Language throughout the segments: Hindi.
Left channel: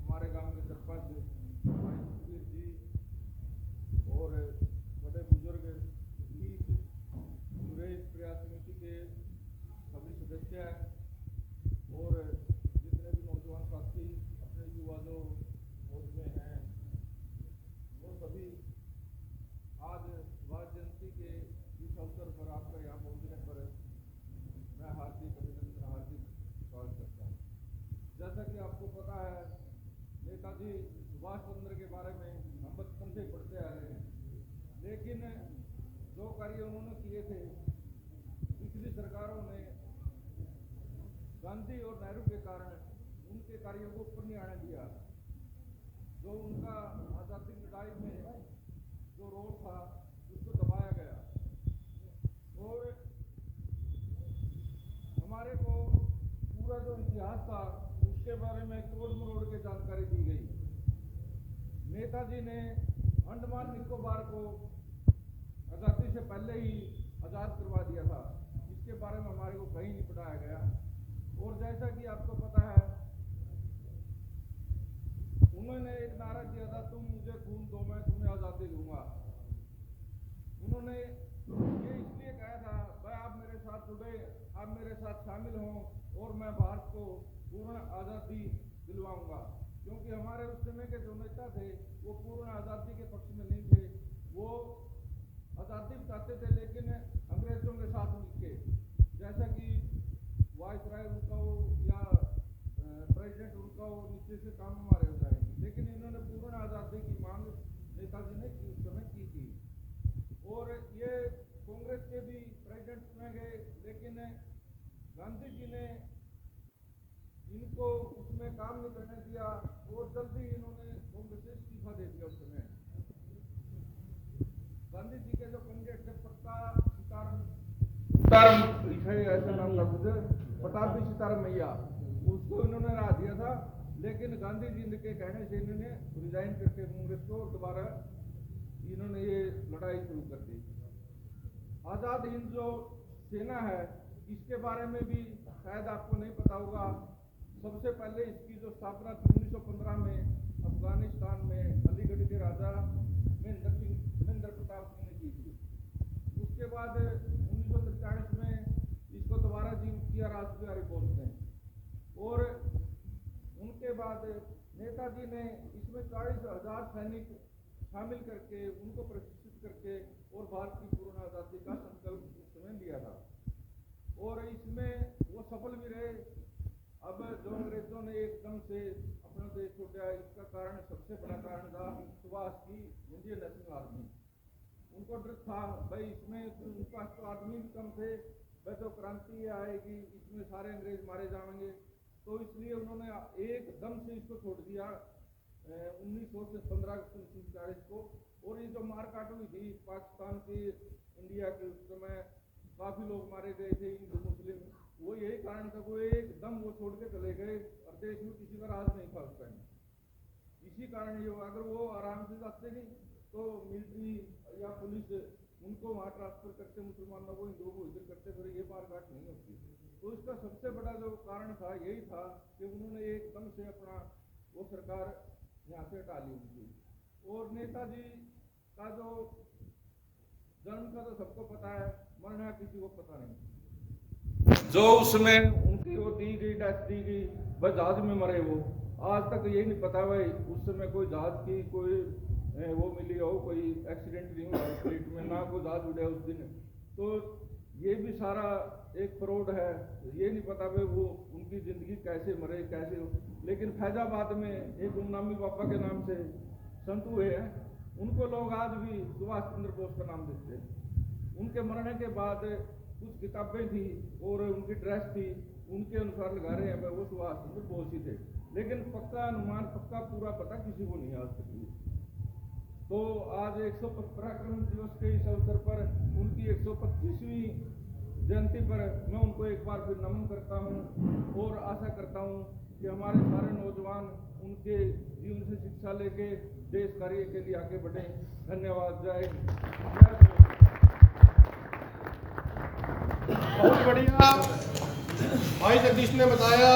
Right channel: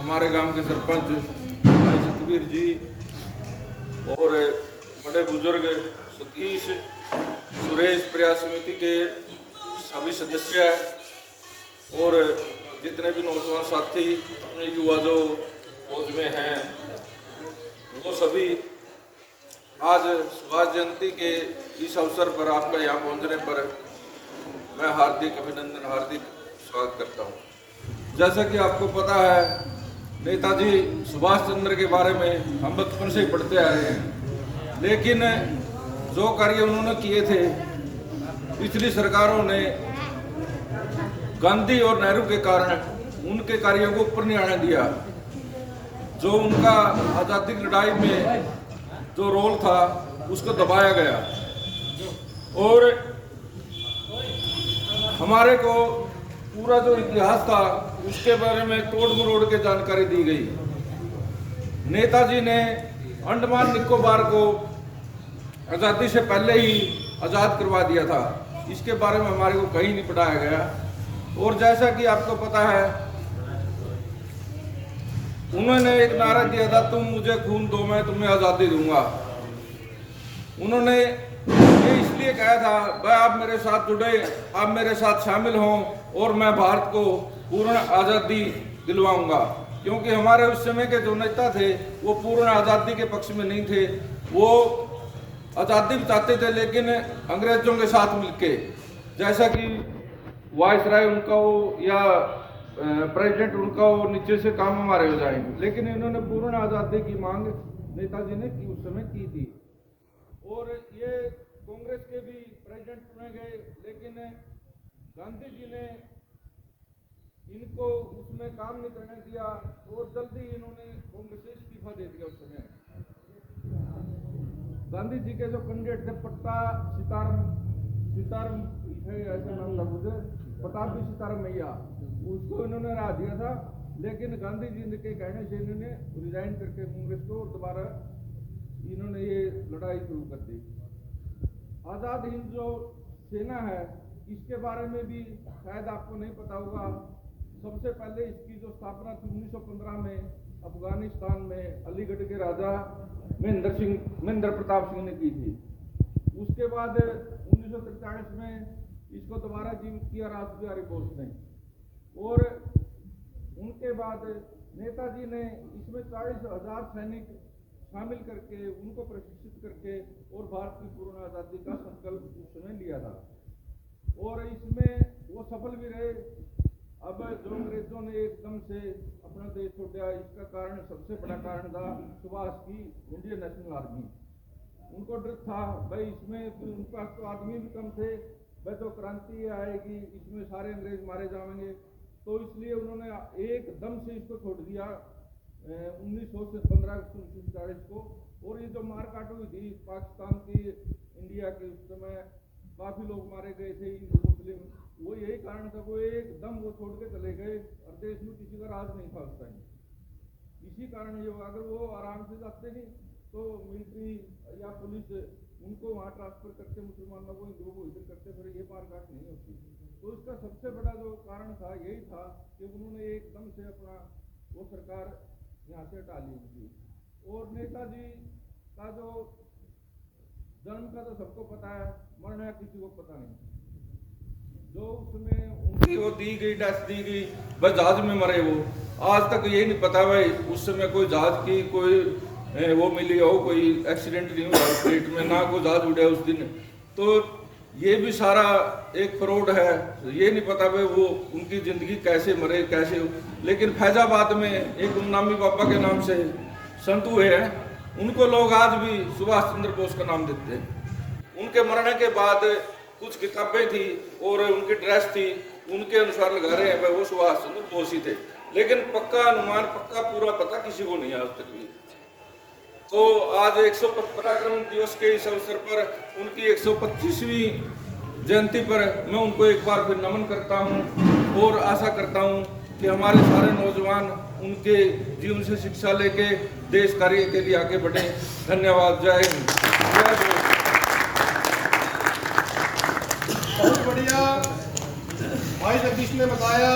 हमारे गांव के सरपंच भाई सतवीर जी और बड़े बुजुर्ग सतीश सुरेश प्रयास समिति के सभी सदस्य और जितने भी नौजवान साथी युवा जो फौज में हैं वो सभी आज सुभाष जयंती के इस अवसर पर आपका यहाँ पहुँचने पर मैं हार्दिक अभिनंदन हार्दिक स्वागत करता हूँ। जैसा कि आपको पता है नेताजी सुभाष चंद्र के बारे में हम बचपन से ही पढ़ते आ रहे हैं, लेकिन जो कार्य उन्होंने किए थे पिछली सरकारों ने गांधी और नेहरू के कारण उनके कार्यों को ऊपर नहीं आने दिया। जो उनका आज़ादी की लड़ाई में जो रोल था उसको दबाया गया और हमारे को पूरा जो इतिहास था उसके बारे में तोड़ मरोड़ के जानकारी दी गई। नेताजी ने अंडमान निकोबार को आज़ादी से पहले ही आज़ाद करवा दिया था, इसके बारे में हमारे को कहीं नहीं पढ़ाया गया। और जैसा कि आपको पता है उन्होंने एक नारा दिया था, तुम मुझे खून दो मैं तुम्हें आज़ादी दूंगा। उन्होंने ये इसलिए कहा था भाई आप मेरे साथ जुड़े, आप मेरे साथ शामिल हों और मैं भारत को पूर्ण आज़ादी दिलवाऊंगा, क्योंकि हमारे उस समय के जो नेता थे वो पूर्ण आज़ादी के पक्ष में नहीं थे। वो आज़ादी चाहते थे लेकिन अंग्रेजों के साथ मिलके, जैसा कि वायसराय उनका हो या प्रेसिडेंट उनका हो, नीचे से काम हमारे हो जाएंगे, लेकिन इन्होंने पूर्ण आज़ादी की मांग नेताजी ने उस समय की थी। और ये कांग्रेस के भी प्रेसिडेंट चुने गए, लेकिन गांधी जी ने इनको उसमें काम नहीं करने दिया और जल्दी इन्होंने कांग्रेस से इस्तीफा दे दिया। उस समय गांधी जी के जो कैंडिडेट थे पट्टा सीताराम ऐसा नाम था मुझे, पटाभी सीताराम मैया, उसको इन्होंने हरा दिया था, लेकिन गांधी जी के कहने से इन्होंने रिजाइन करके कांग्रेस को और दोबारा इन्होंने ये लड़ाई शुरू कर दी। आज़ाद हिंद जो सेना है इसके बारे में भी शायद आपको नहीं पता होगा। सबसे पहले इसकी जो स्थापना 1915 में अफगानिस्तान में अलीगढ़ के राजा महेंद्र प्रताप सिंह ने की थी। उसके बाद 1943 में इसको दोबारा जीवित किया राष्ट्र बिहारी बोस ने, और उनके बाद नेताजी ने इसमें 40,000 सैनिक शामिल करके उनको प्रशिक्षित करके और भारत की पूर्ण आज़ादी का संकल्प उस समय लिया था, और इसमें वो सफल भी रहे। अब जो अंग्रेजों ने एकदम से अपना देश छोड़ दिया, इसका कारण सबसे बड़ा कारण था सुभाष की इंडियन नेशनल आर्मी। उनको डर था भाई इसमें उनके पास तो आदमी भी कम थे, भाई तो क्रांति आएगी इसमें सारे अंग्रेज मारे जाएंगे, तो इसलिए उन्होंने एकदम से इसको छोड़ दिया 1915 को। और ये जो मारकाट हुई थी पाकिस्तान की इंडिया की, उस समय काफ़ी लोग मारे गए थे हिंदू मुस्लिम, वो यही कारण था वो एकदम वो छोड़ के चले गए और देश में किसी का राज नहीं था उस टाइम। इसी कारण ये अगर वो आराम से जाते नहीं तो मिलिट्री या पुलिस उनको वहाँ ट्रांसफर करते, मुसलमानों को हिंदुओं को इधर करते, फिर ये मारकाट नहीं होती। तो इसका सबसे बड़ा जो कारण था यही था कि उन्होंने एकदम से अपना वो सरकार यहाँ से हटा ली उनकी। और नेताजी का जो जन्म का तो सबको पता है, मरना किसी को पता नहीं। जो उसमें उनकी वो दी गई डेथ दी गई, बस जहाज में मरे वो, आज तक ये नहीं पता भाई उस समय कोई जहाज की कोई वो मिली हो, कोई एक्सीडेंट नहीं हुआ उस फ्लाइट में, ना कोई जहाज उड़ा उस दिन। तो ये भी सारा एक फ्रॉड है, ये नहीं पता भाई वो उनकी ज़िंदगी कैसे मरे कैसे हो। लेकिन फैजाबाद में एक गुमनामी बाबा के नाम से संत हुए हैं, उनको लोग आज भी सुभाष चंद्र बोस का नाम देते हैं। उनके मरने के बाद कुछ किताबें थी और उनकी ड्रेस थी, उनके अनुसार लगा रहे हैं भाई वो सुभाष चंद्र बोस ही थे, लेकिन पक्का अनुमान पक्का पूरा पता किसी को नहीं आज तक भी। तो आज 115 दिवस के इस अवसर पर उनकी 125वीं जयंती पर मैं उनको एक बार फिर नमन करता हूं और आशा करता हूं कि हमारे सारे नौजवान उनके जीवन से शिक्षा लेके देश कार्य के लिए आगे बढ़े। धन्यवाद। जय हिंद। बहुत बढ़िया भाई जगदीश ने बताया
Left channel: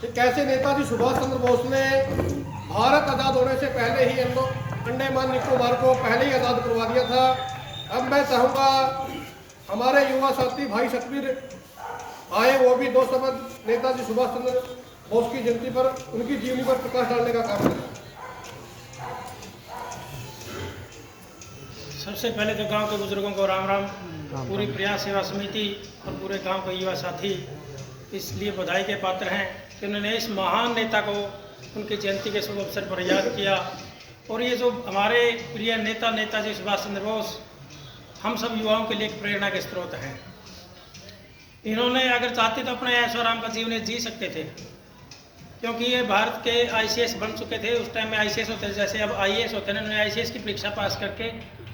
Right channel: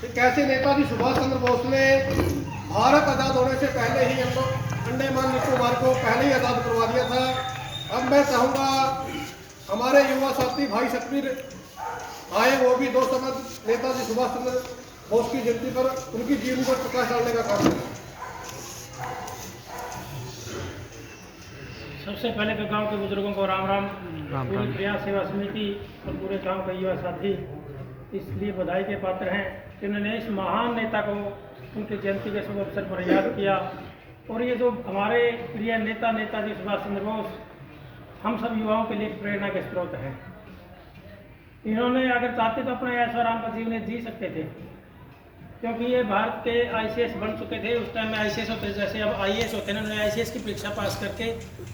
कि कैसे नेताजी सुभाष चंद्र बोस ने भारत आज़ाद होने से पहले ही अंडमान निकोबार को पहले ही आज़ाद करवा दिया था। अब मैं चाहूँगा हमारे युवा साथी भाई सतवीर आए, वो भी 2 शब्द नेताजी सुभाष चंद्र बोस की जयंती पर, उनकी जीवनी पर प्रकाश डालने का काम करें। सबसे पहले तो गांव के बुजुर्गों को राम राम। पूरी प्रयास सेवा समिति और पूरे गांव के युवा साथी इसलिए बधाई के पात्र हैं कि उन्होंने इस महान नेता को उनकी जयंती के शुभ अवसर पर याद किया। और ये जो हमारे प्रिय नेता नेताजी सुभाष चंद्र बोस हम सब युवाओं के लिए एक प्रेरणा के स्रोत हैं। इन्होंने अगर चाहते तो अपना ऐशो आराम का जीवन जी सकते थे, क्योंकि ये भारत के ICS बन चुके थे। उस टाइम में ICS होते जैसे अब IAS होते हैं, उन्होंने ICS की परीक्षा पास करके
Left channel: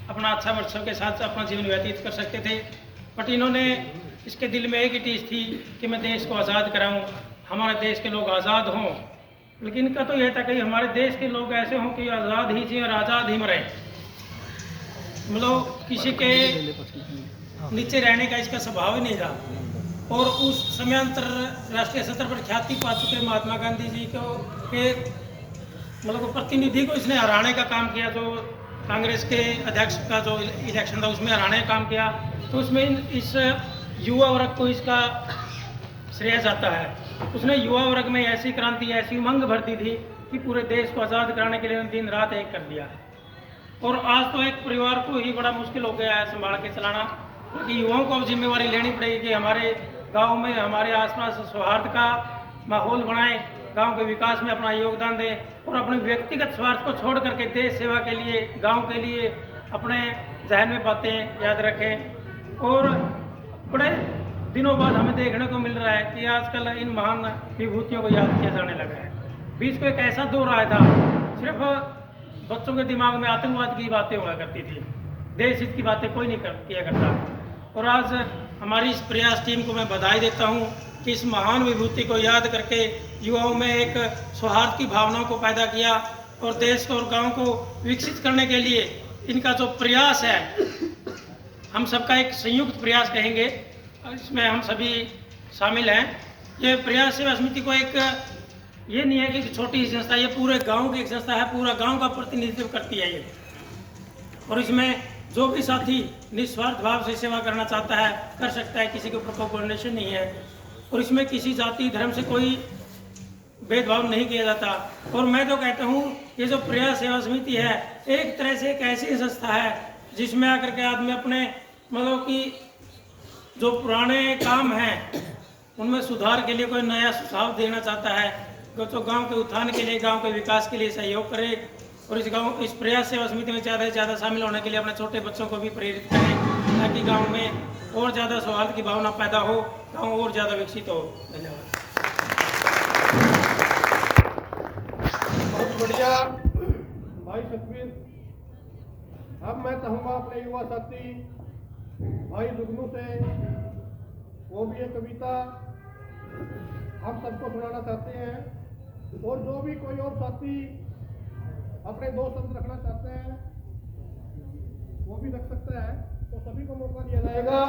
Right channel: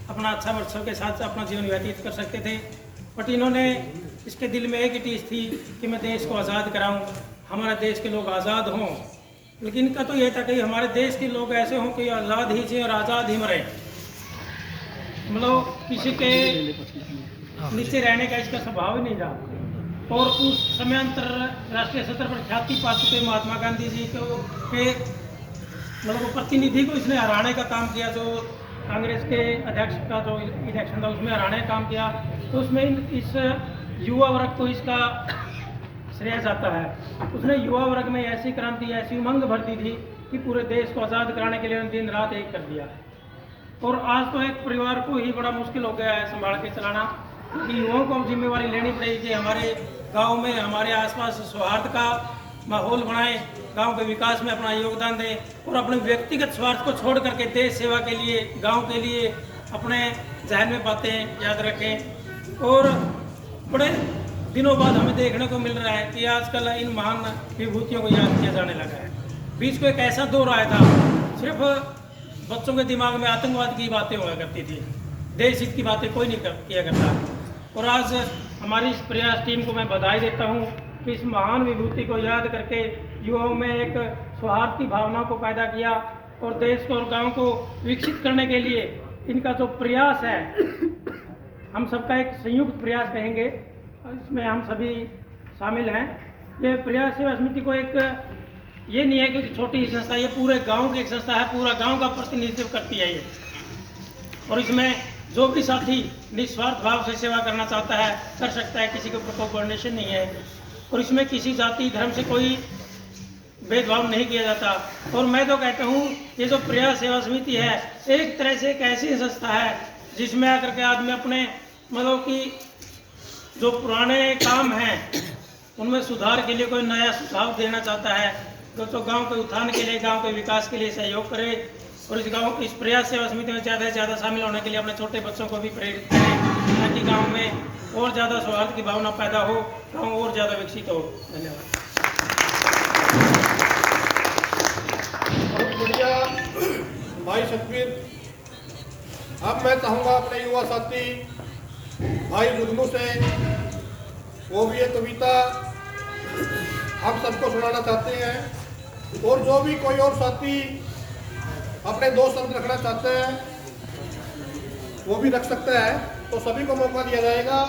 अपना अच्छा वर्षों के साथ अपना जीवन व्यतीत कर सकते थे। बट इन्होंने इसके दिल में एक ही चीज़ थी कि मैं देश को आज़ाद कराऊं, हमारे देश के लोग आज़ाद हों। लेकिन इनका तो यह था कि हमारे देश के लोग ऐसे हों कि आज़ाद ही जिए और आज़ाद ही मरें, मतलब किसी के नीचे रहने का इसका स्वभाव ही नहीं था। और उस समय अंतरराष्ट्रीय स्तर पर ख्याति पा चुके महात्मा गांधी जी को के मतलब प्रतिनिधि को इसने हराने का काम किया। जो कांग्रेस के अध्यक्ष का जो इलेक्शन था उसमें हराने का काम किया, तो उसमें इस युवा वर्ग को इसका श्रेय जाता है। उसने युवा वर्ग में ऐसी क्रांति, ऐसी उमंग भर दी थी कि पूरे देश को आज़ाद कराने के लिए दिन रात एक कर दिया। और आज तो एक परिवार को ही बड़ा मुश्किल हो गया है संभाल के चलाना, क्योंकि युवाओं को अब जिम्मेवारी लेनी पड़ेगी कि हमारे गांव में, हमारे आसपास सौहार्द का माहौल बनाएं, गांव के विकास में अपना योगदान दें और अपने व्यक्तिगत स्वार्थ को छोड़ करके देश सेवा के लिए, गांव के लिए अपने जहन में बातें याद रखें। और बड़े दिनों बाद हमें देखने को मिल रहा है कि आजकल इन महान विभूतियों को याद किया जाने लगा है। बीच को एक ऐसा दौर आया था, सिर्फ बच्चों के दिमाग में आतंकवाद की बातें हुआ करती थी, देश हित की बातें कोई नहीं किया करता। और आज हमारी इस प्रयास टीम को मैं बधाई देता हूँ कि इस महान विभूति को याद करके युवाओं में एक सौहार्द की भावनाओं को पैदा किया और देश को और गांव को विकसित करने के लिए इनका जो प्रयास है, हम सबका एक संयुक्त प्रयास कहेंगे, इसमें हम सभी शामिल हैं। ये प्रयास सेवा समिति को एक ये नहीं है कि छोटी संस्था, ये पूरे गांव की एक संस्था है, पूरा गांव का प्रतिनिधित्व करती है ये। और इसमें जो भी साथी निस्वार्थ भाव से सेवा करना चाहता है कर सकता है, किसी के ऊपर कोई बर्डन नहीं है। और इसमें किसी जाति धर्म से कोई भेदभाव नहीं किया जाता। और मैं तो कहता हूँ ये जो प्रयास सेवा समिति है एक तरह से एक ऐसी संस्था है जिसमें आकर के आदमी अपने मतलब कि जो पुराने काम हैं उनमें सुधार के लिए कोई नया सुझाव देना चाहता है, तो गांव के उत्थान के लिए, गांव के विकास के लिए सहयोग करे। और इस प्रयास सेवा समिति में ज़्यादा से ज़्यादा शामिल होने के लिए अपने छोटे बच्चों को भी प्रेरित करें, ताकि गांव में और ज़्यादा सौहार्द की भावना पैदा हो, गांव और ज़्यादा विकसित हो। धन्यवाद। बहुत बढ़िया भाई सतवीर। अब मैं चाहूँगा अपने युवा साथी भाई जुगनू से, वो भी ये कविता हम सबको सुनाना चाहते हैं। और जो भी कोई और साथी अपने 2 शब्द रखना चाहते हैं वो भी रख सकते हैं, तो सभी को मौका दिया जाएगा।